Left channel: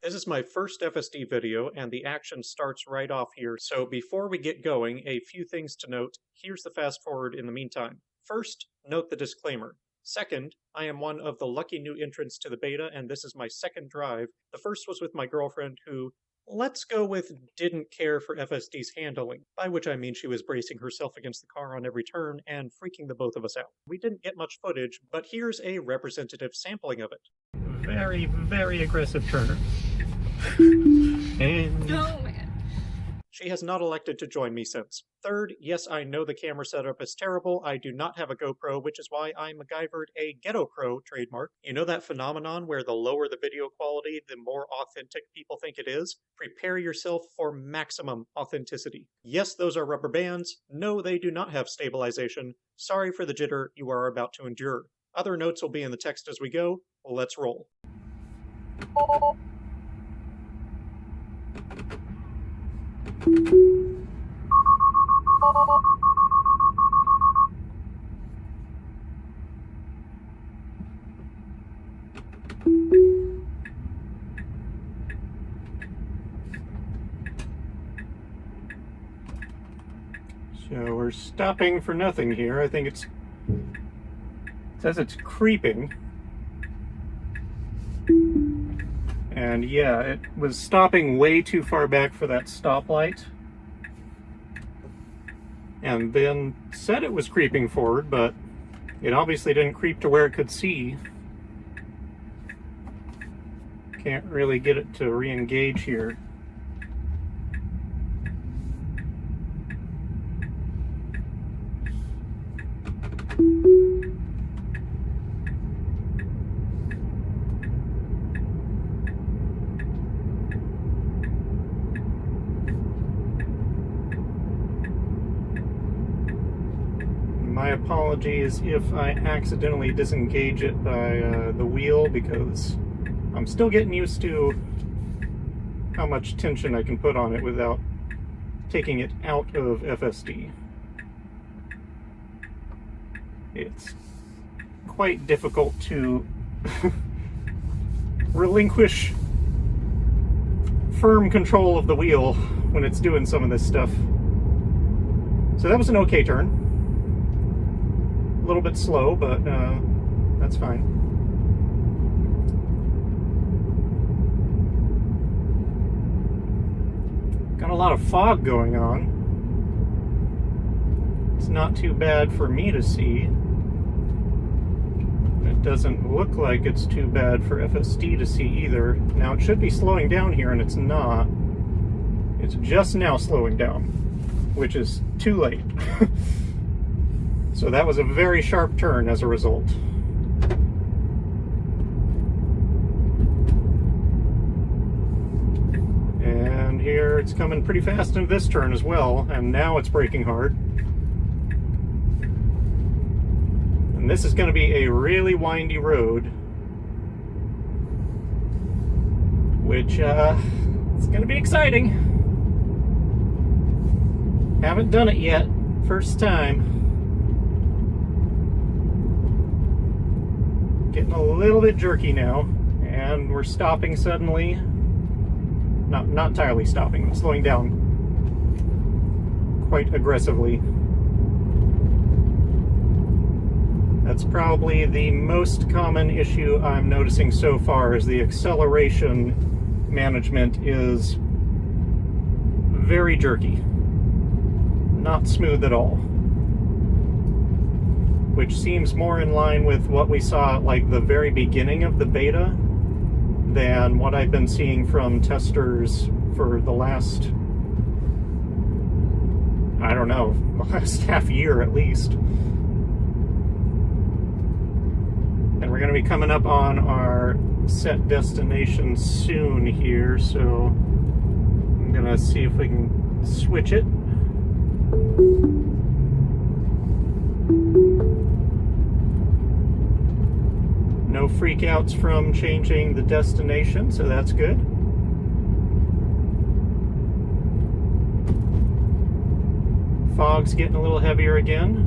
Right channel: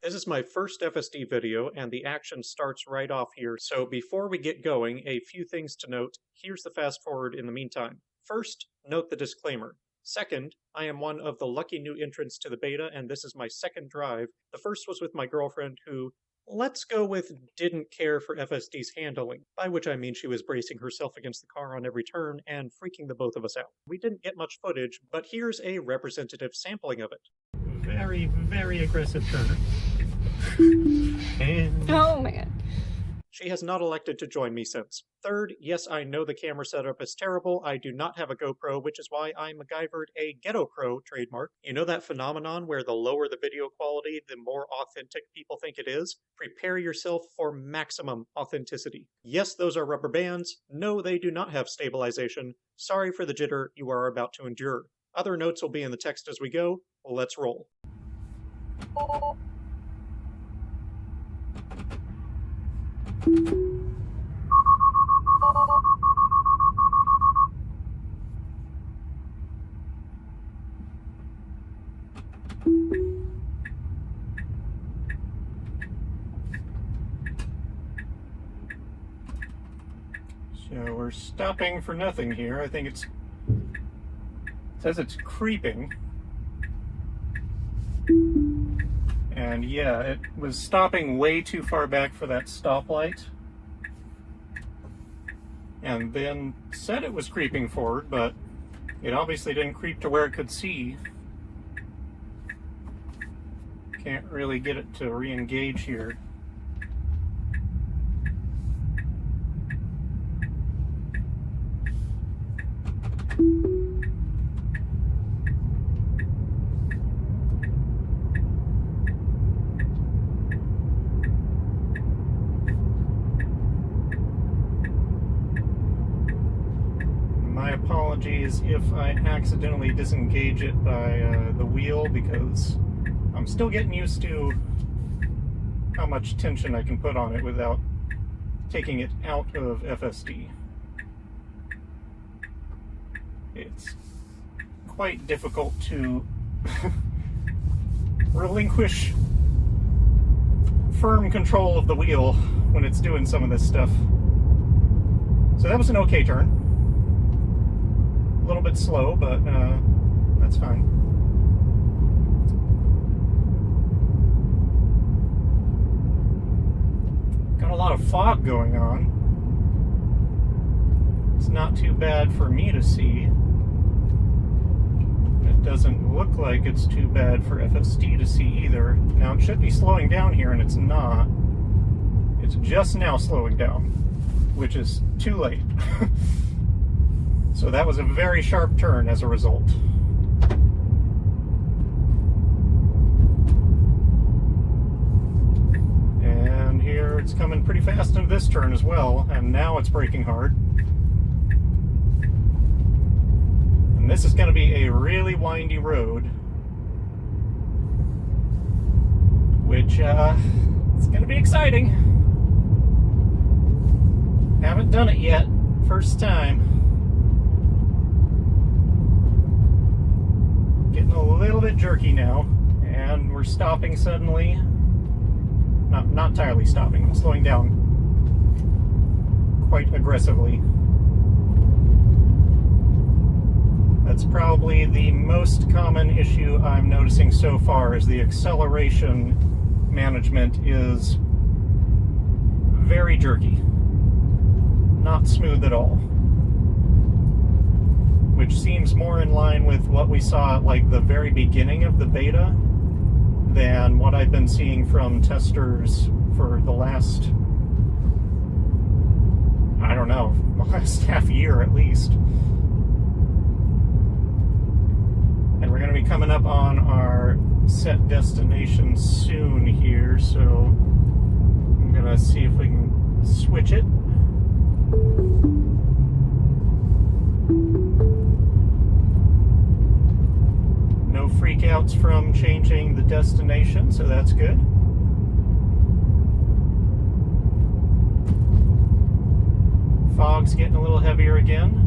This is my first FSD video, and the action starts right off here, so before we get going, a few things to note. Here's the fast forward in the meantime. First, note the disclaimer. Second, I am one of the lucky new entrants to the beta, and this is my second drive. The first was with my girlfriend who, let's go with, didn't care for FSD's handling, by which I mean she was bracing herself against the car on every turn and freaking the both of us out. We didn't get much footage, but here's a representative sampling of it. Very, very aggressive turner. And Oh man. she has not elected to join me since. Third, yes, I know the camera setup is terrible. I do not have a GoPro, which is why I MacGyvered a GhettoGoPro trademark. You know that phenomenon where the lower the video quality, the more authentic people think it is? Prepare yourself for maximum authenticity. Yes, those are rubber bands. No, they do not have stabilization. Sorry for the jitter you are about to endure. Other notes will be in the text as we go. Let's roll. So we're stopping for nothing here. I think it says it's creeping. And yeah, it was stopping way too far back for that stoplight. And then said it was creeping forward, but it obviously didn't creep to where it could see. Can't really get it to re-engage here. My apologies if I accidentally disengage it by the wheel, because I'm still getting used to how much tension I can put on it without taking it out of FSD. It's quite difficult to relinquish firm control of the wheel when it's doing some of this stuff. So that was an okay turn. A little bit slow, but that's fine. Got a lot of fog going on. It's not too bad for me to see. It doesn't look like it's too bad for FSD to see either. Now it should be slowing down here, and it's not. It's just now slowing down, which is too late. So that was a very sharp turn as a result. And here it's coming pretty fast into this turn as well, and now it's braking hard. And this is going to be a really windy road, which it's going to be exciting. Haven't done it yet, first time. Getting a little bit jerky now, and we're stopping suddenly. Not entirely stopping, I'm slowing down quite aggressively. That's probably the most common issue I'm noticing so far, is the acceleration management is very jerky. Not smooth at all. Which seems more in line with what we saw at like the very beginning of the beta than what I've been seeing from testers for the last, I don't know, last half year at least. And we're going to be coming up on our set destination soon here, so I'm going to see if we can switch it. No freakouts from changing the destination, so that's good. Fog's getting a little heavier again.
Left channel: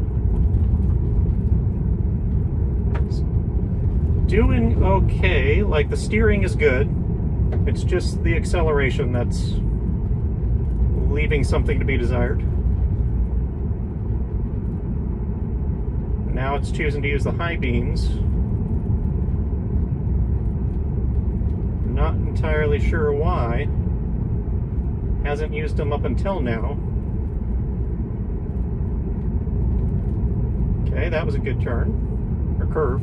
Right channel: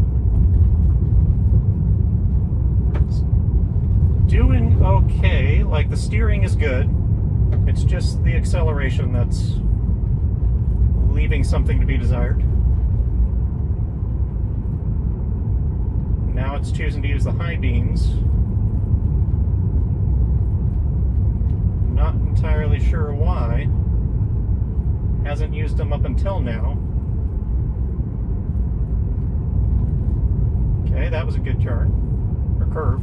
Doing okay, like the steering is good. It's just the acceleration that's leaving something to be desired. Now it's choosing to use the high beams. Not entirely sure why. Hasn't used them up until now. Okay, that was a good turn, or curve.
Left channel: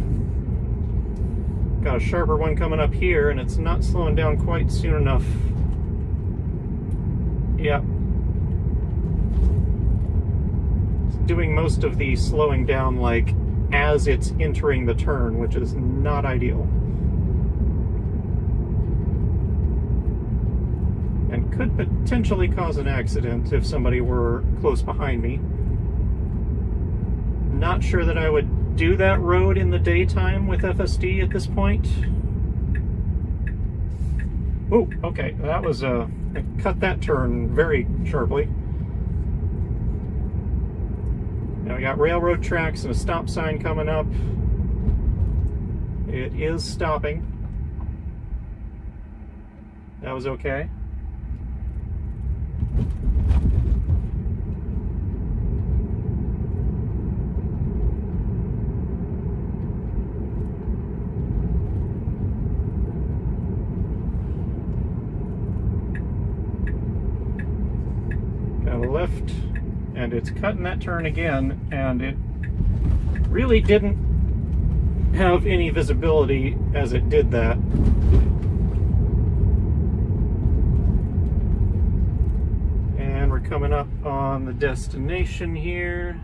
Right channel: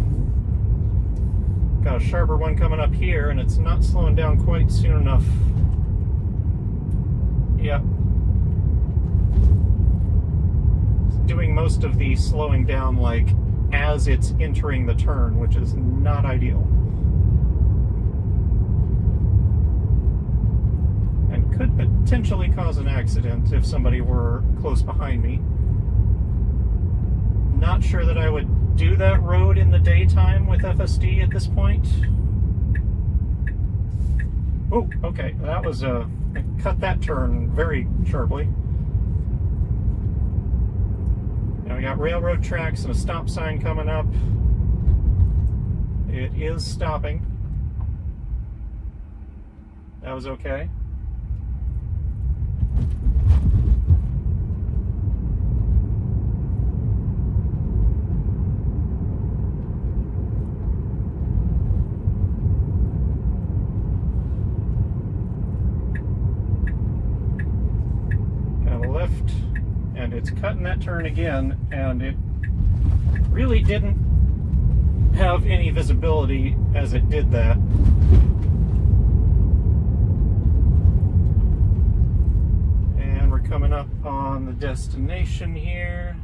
Got a sharper one coming up here, and it's not slowing down quite soon enough. Yeah. It's doing most of the slowing down like as it's entering the turn, which is not ideal. And could potentially cause an accident if somebody were close behind me. Not sure that I would do that road in the daytime with FSD at this point. Oh, okay, that was I cut that turn very sharply. Now we got railroad tracks and a stop sign coming up. It is stopping. That was okay. And it's cutting that turn again, and it really didn't have any visibility as it did that. And we're coming up on the destination here.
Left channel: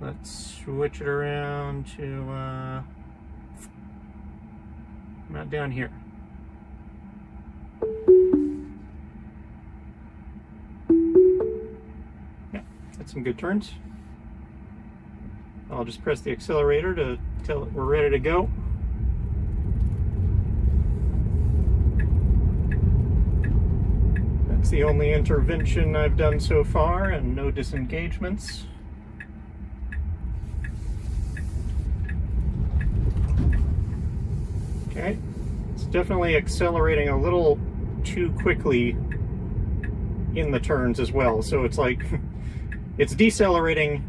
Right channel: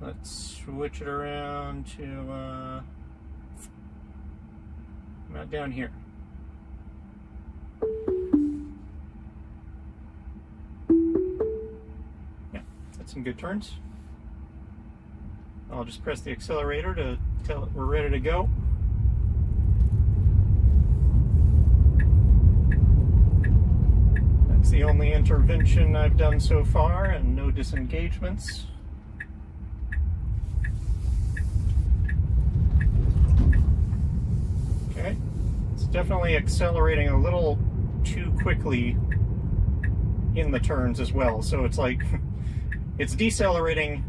Let's switch it around to not down here. Some good turns. I'll just press the accelerator to tell it we're ready to go. That's the only intervention I've done so far, and no disengagements. Okay, it's definitely accelerating a little too quickly in the turns as well, so it's like it's decelerating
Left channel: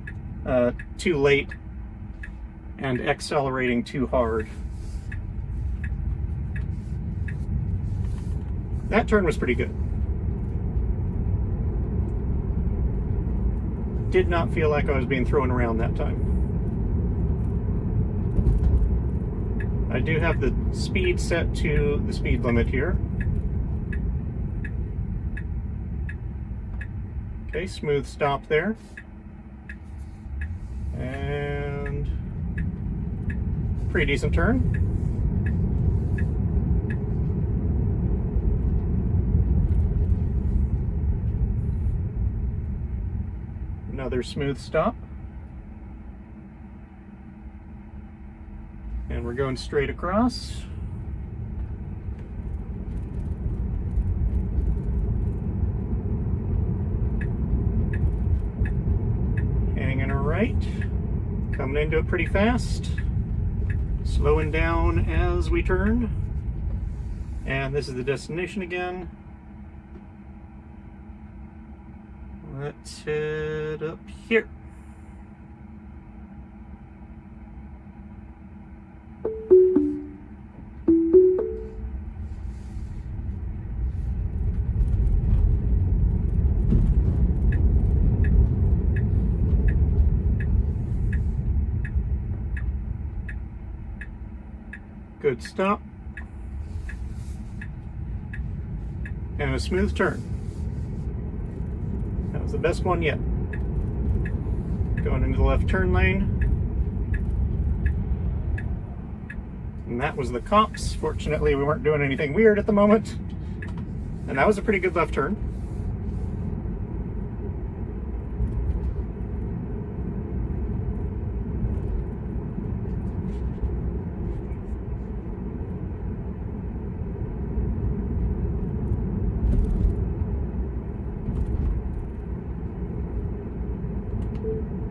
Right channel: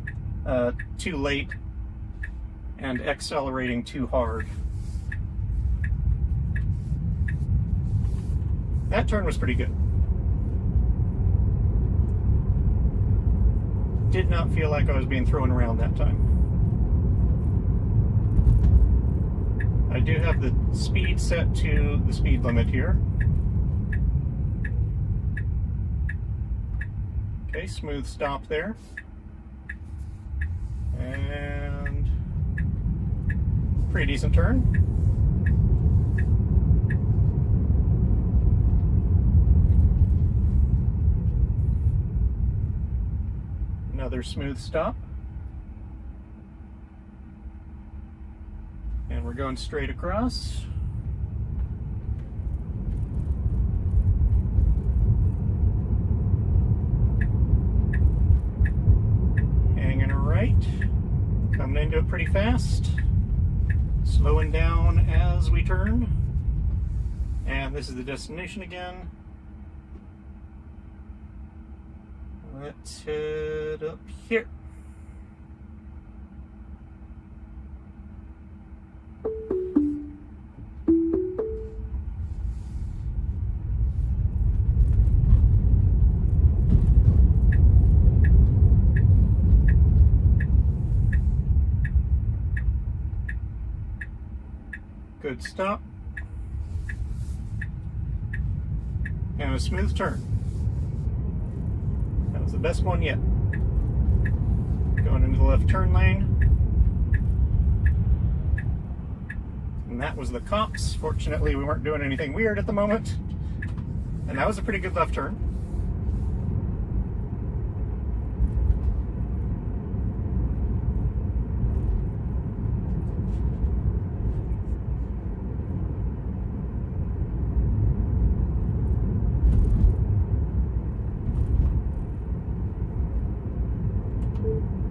too late and accelerating too hard. That turn was pretty good. Did not feel like I was being thrown around that time. I do have the speed set to the speed limit here. Okay, smooth stop there. And pretty decent turn. Another smooth stop. And we're going straight across. Coming into it pretty fast, slowing down as we turn, and this is the destination again. Let's head up here. Good stop. And a smooth turn. That was the best one yet. Going into the left turn lane. And that was the cops. Fortunately, we weren't doing anything weird at the moment. And that was a pretty good left turn.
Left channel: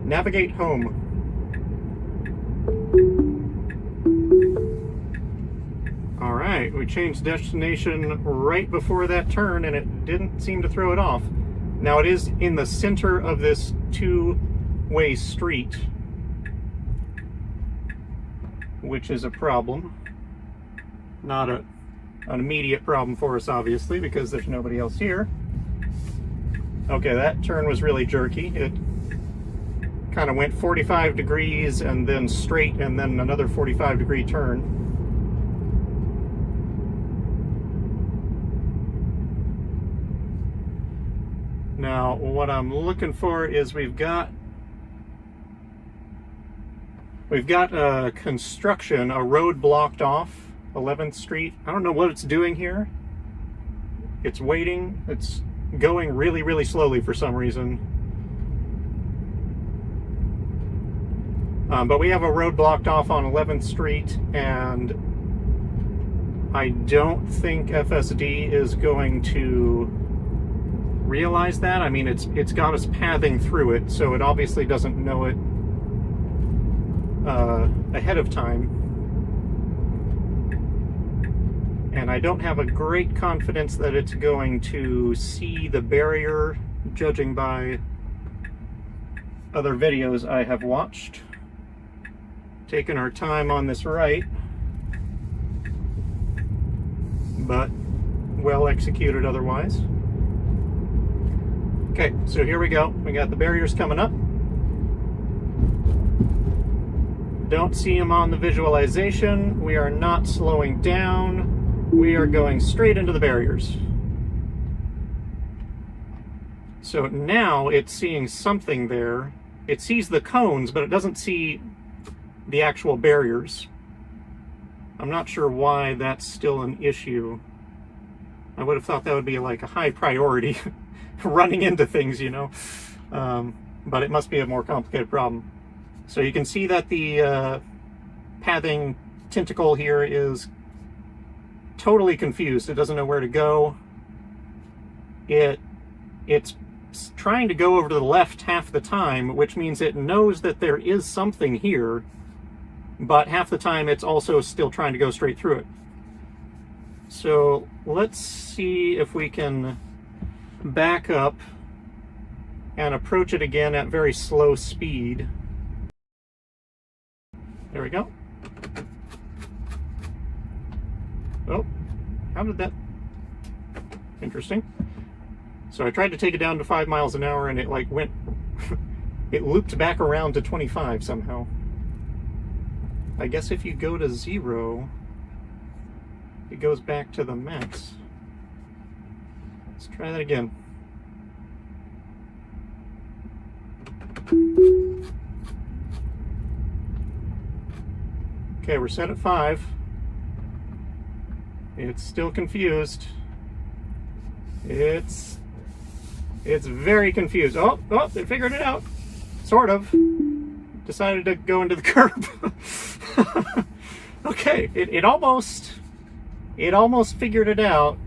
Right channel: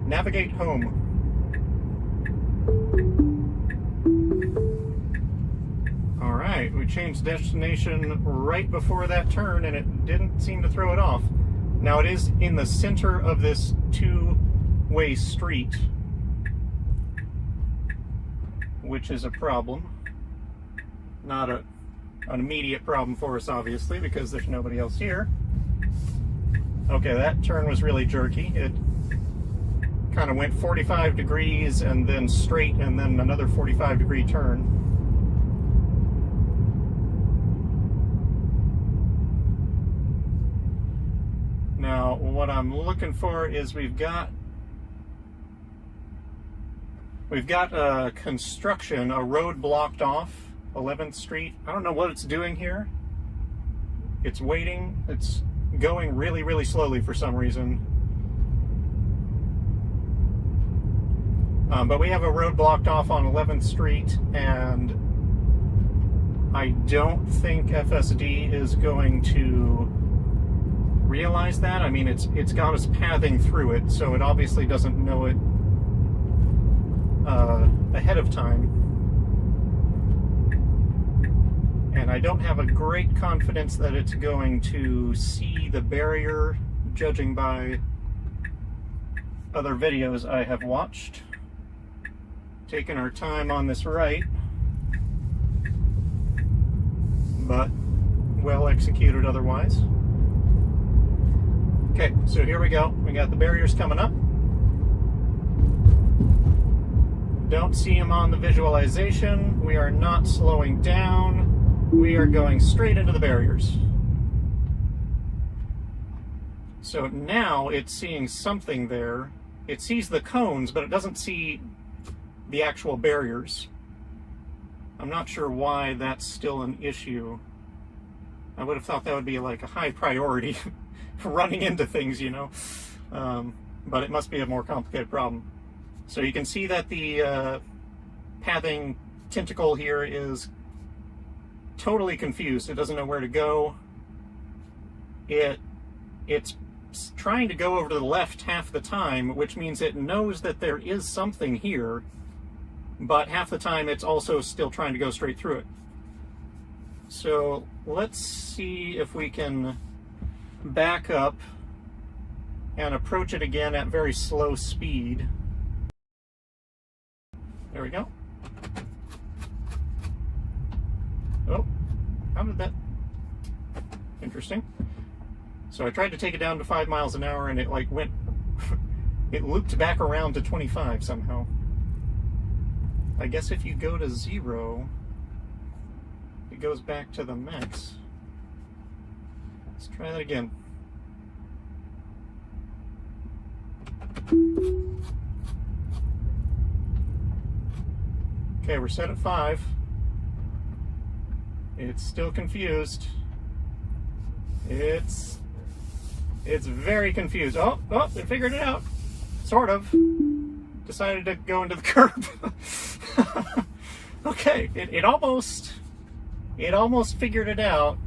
Navigate home. All right, we changed destination right before that turn, and it didn't seem to throw it off. Now it is in the center of this two-way street, which is a problem. Not an immediate problem for us, obviously, because there's nobody else here. Okay, that turn was really jerky. It kind of went 45 degrees and then straight and then another 45-degree turn. Now, what I'm looking for is we've got construction, a road blocked off 11th Street. I don't know what it's doing here. It's waiting. It's going really, really slowly for some reason. But we have a road blocked off on 11th Street, and I don't think FSD is going to realize that. I mean, it's got us pathing through it, so it obviously doesn't know it ahead of time. And I don't have a great confidence that it's going to see the barrier, judging by other videos I have watched. Taking our time on this right, but well executed otherwise. Okay, so here we go. We got the barriers coming up. Don't see them on the visualization. We are not slowing down. We are going straight into the barriers. So now it's seeing something there. It sees the cones, but it doesn't see the actual barriers. I'm not sure why that's still an issue. I would have thought that would be like a high priority, running into things, you know. But it must be a more complicated problem. So you can see that the pathing tentacle here is totally confused. It doesn't know where to go. It's trying to go over to the left half the time, which means it knows that there is something here, but half the time it's also still trying to go straight through it. So let's see if we can back up and approach it again at very slow speed. There we go. Oh, how did that? Interesting. So I tried to take it down to 5 miles an hour and it like went, it looped back around to 25 somehow. I guess if you go to 0, it goes back to the max. Let's try that again. Okay, we're set at 5. It's still confused. It's very confused. Oh, it figured it out. Sort of. Decided to go into the curb. Okay, it almost figured it out.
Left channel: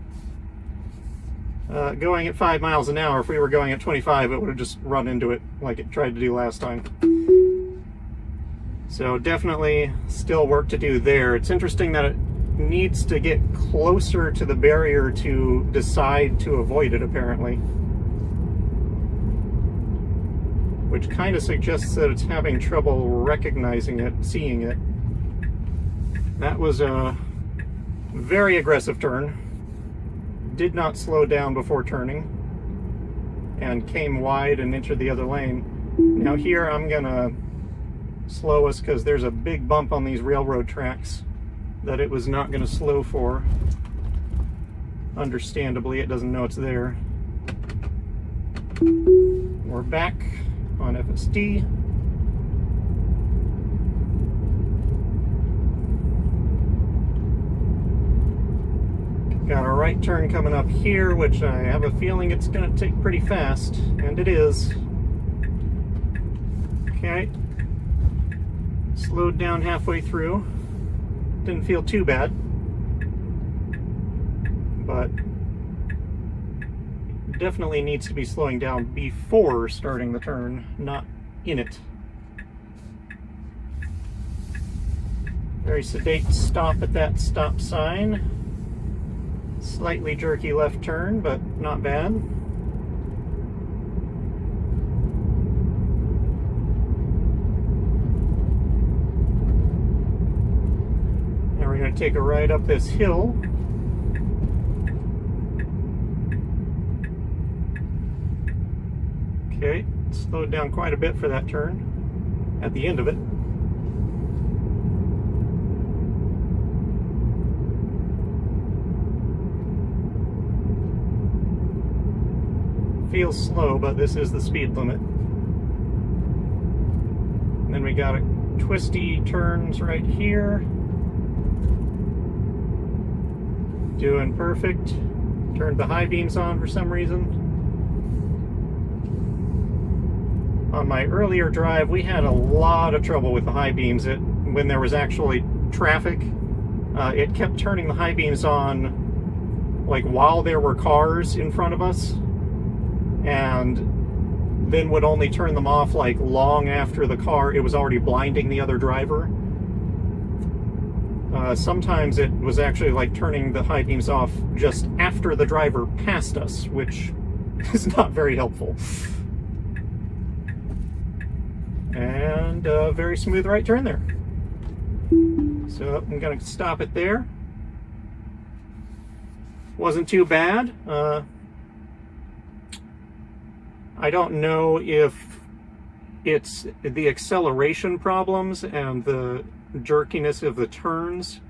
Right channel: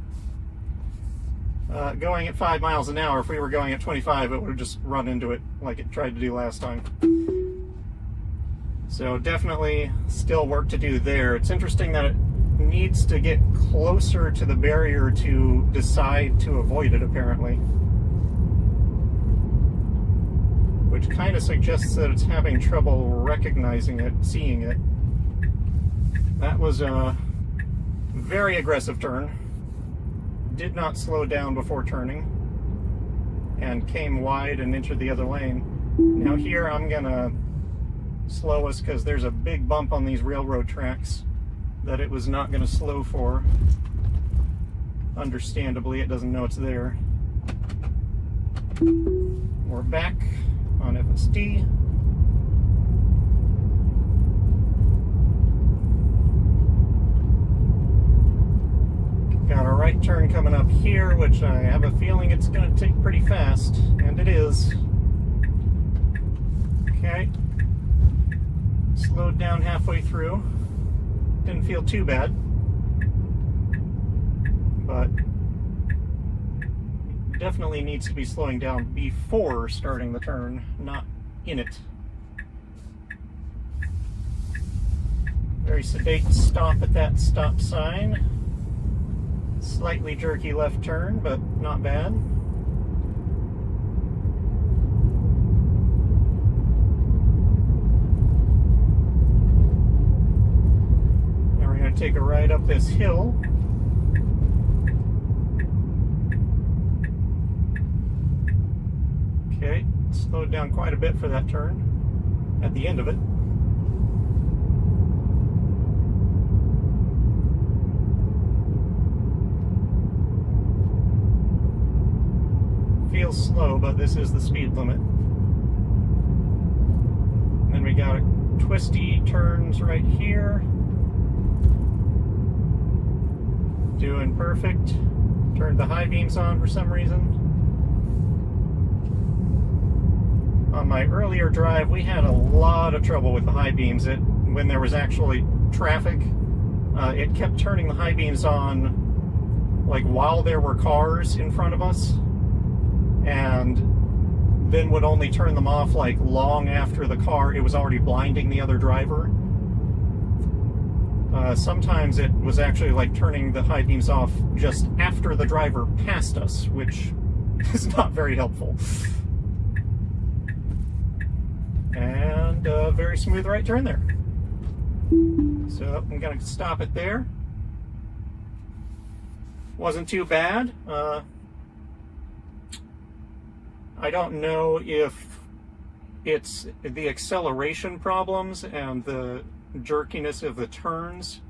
Going at 5 miles an hour, if we were going at 25, it would have just run into it like it tried to do last time. So definitely still work to do there. It's interesting that it needs to get closer to the barrier to decide to avoid it, apparently. Which kind of suggests that it's having trouble recognizing it, seeing it. That was a very aggressive turn. Did not slow down before turning and came wide and entered the other lane. Now here I'm gonna slow us because there's a big bump on these railroad tracks that it was not gonna slow for. Understandably, it doesn't know it's there. We're back on FSD. Got a right turn coming up here, which I have a feeling it's going to take pretty fast, and it is. Okay. Slowed down halfway through. Didn't feel too bad. But definitely needs to be slowing down before starting the turn, not in it. Very sedate stop at that stop sign. Slightly jerky left turn, but not bad. Now we're going to take a ride up this hill. Okay, slowed down quite a bit for that turn at the end of it. Feels slow, but this is the speed limit. And then we got twisty turns right here. Doing perfect. Turned the high beams on for some reason. On my earlier drive, we had a lot of trouble with the high beams. When there was actually traffic, it kept turning the high beams on like while there were cars in front of us, and then would only turn them off like long after it was already blinding the other driver. Sometimes it was actually like turning the high beams off just after the driver passed us, which is not very helpful. And a very smooth right turn there. So I'm going to stop it there. Wasn't too bad. I don't know if it's the acceleration problems and the jerkiness of the turns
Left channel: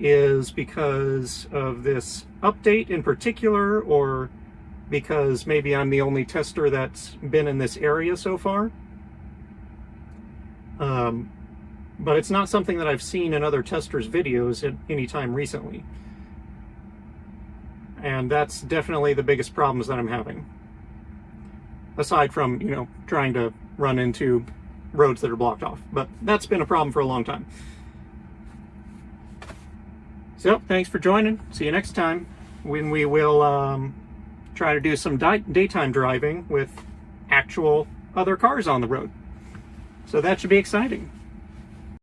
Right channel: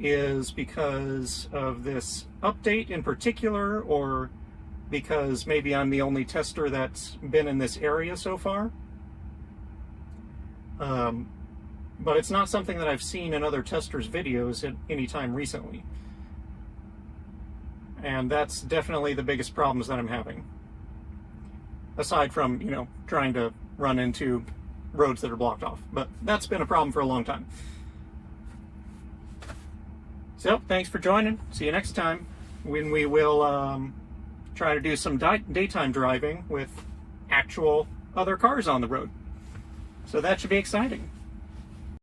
is because of this update in particular, or because maybe I'm the only tester that's been in this area so far. But it's not something that I've seen in other testers' videos at any time recently. And that's definitely the biggest problems that I'm having. Aside from, you know, trying to run into roads that are blocked off. But that's been a problem for a long time. So, thanks for joining. See you next time when we will try to do some daytime driving with actual other cars on the road. So that should be exciting.